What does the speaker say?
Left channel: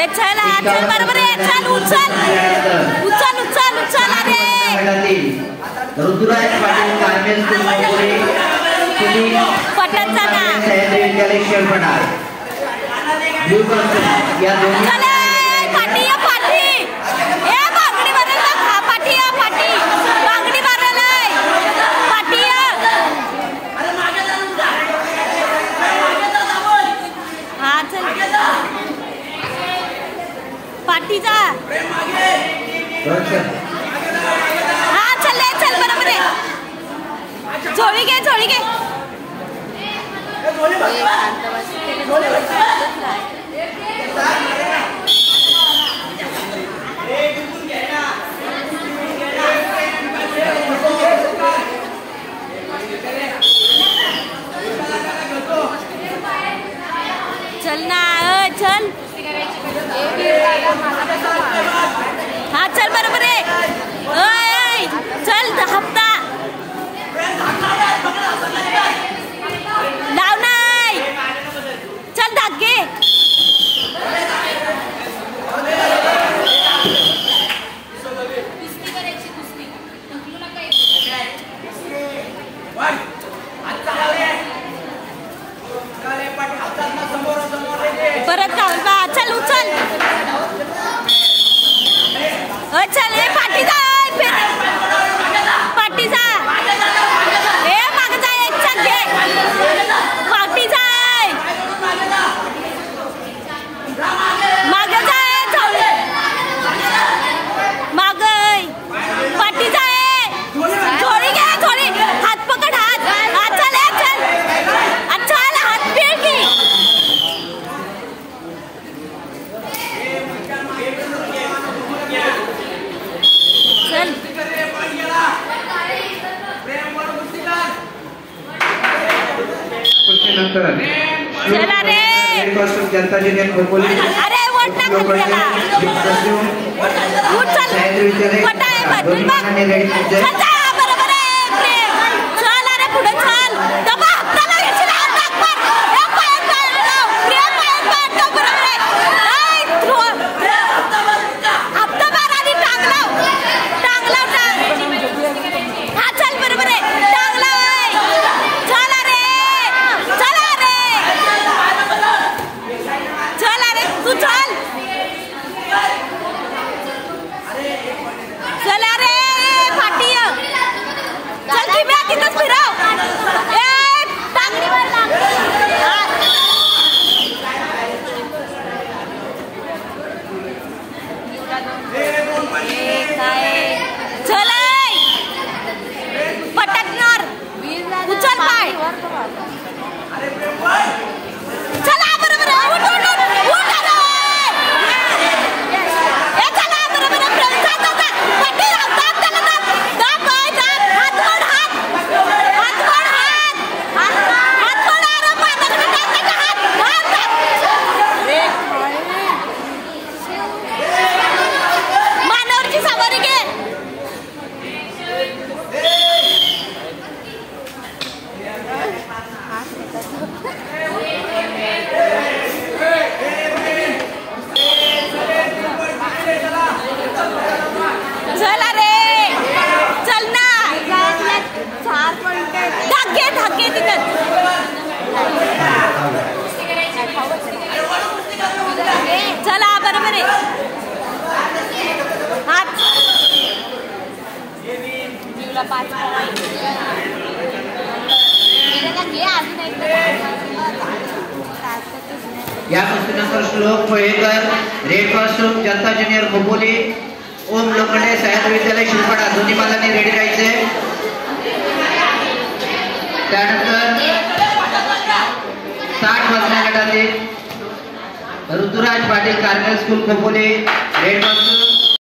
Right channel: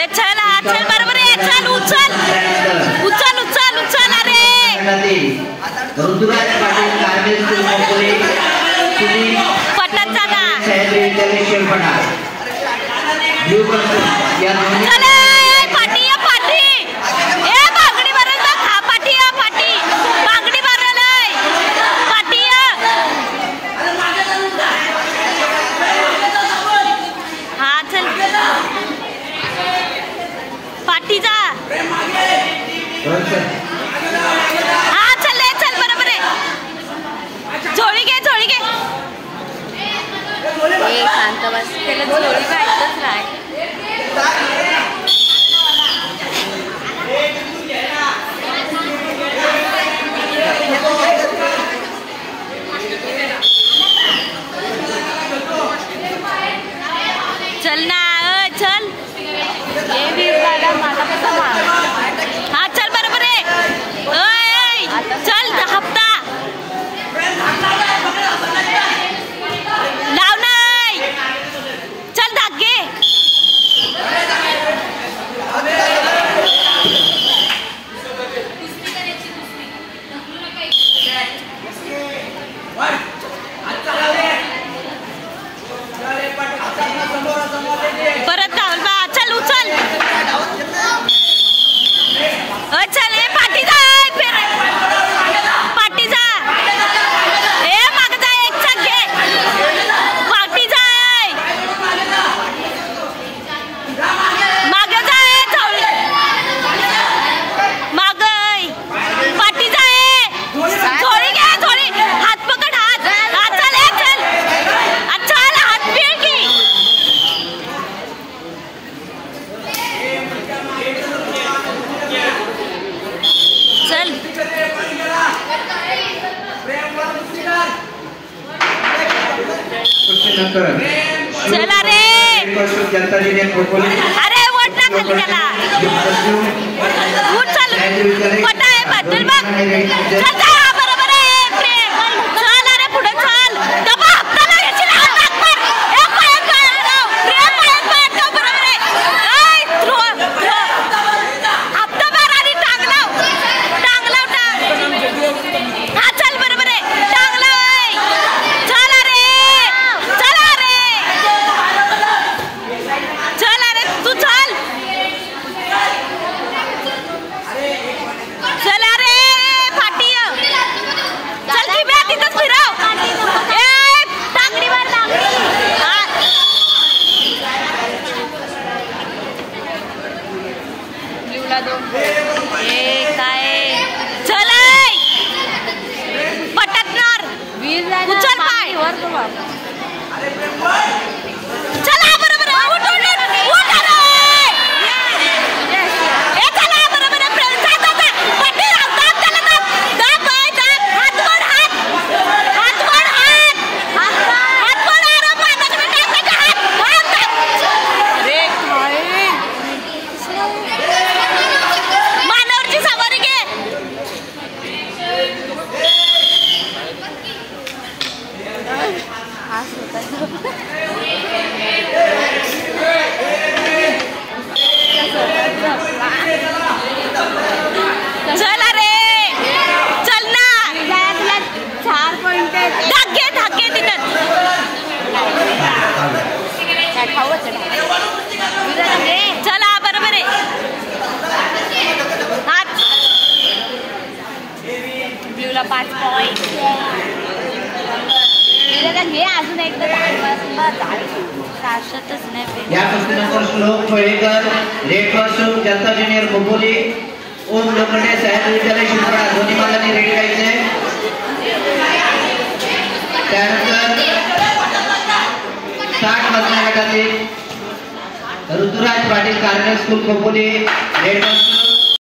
चल बरोबर आहे चल उचल उचल उचल उचल अरे ऋतुराज पाटील कारगिल स्कूल कोपोली पटन जाना चले पाटी या पाटी ए बांगडी भरल खा पाटी या पाटी बांगडी भरल पाटी या हा चल पाटी जा हा चल बरोबर आहे झोळी घे शांत बस त्याला झोळी भेटतच नाही चल ना चल हा चल बरोबर आहे चल हप्ता लाव नाही चल धागे परत गावल बा चल उचल चल ए पाटी जा फिर पाटी जा ए माग जा एक चक घे पाटी जा माग जा ए झोळी माग पाटी जा झोळी घे झोळी हात पकड हात चल अच्छा हात पीळ की चल चला रे अरे वोट ना खाली त्याला उठ चल पटा आहे बदल बघ चल जा बरोबर आहे प्रेम चल अरे पुढे चल दबा हप्ताला याची हात टाक मार ए पायात जाऊ प्रेम पायात जाऊ बरोबर आहे ए थ्रो हप्ता मार आणि टांग लाव हा चल बरोबर आहे टांग लाव चल अरे तू चल अरे फाटी चल की मी तिथंच फिरव ए टांगडी मार ए काय चल पटकणार उचल पाय चला बरोबर उठ ए चला बरोबर पट्टी राहतात त्याला दाब हात मोड अरे पाण्याकडे टाकायचे हात रे मानवरची सवारी घे चल अरे चल ना धागे तिथं चला बरोबर आहे हात 5 पॉइंट या कुस्तीनंतर श्लोक फळेकर रेड पासून जनता ज्युनियर खोपोली ओम लोखंडे सह्याद्री विद्यालय शिवपाडा दोन्ही मालांनी रेडी राहायचे त्यानंतर 60 वजन गटातील ऋतुराज पाटील कारगिल स्कूल खोपोली रेड पासून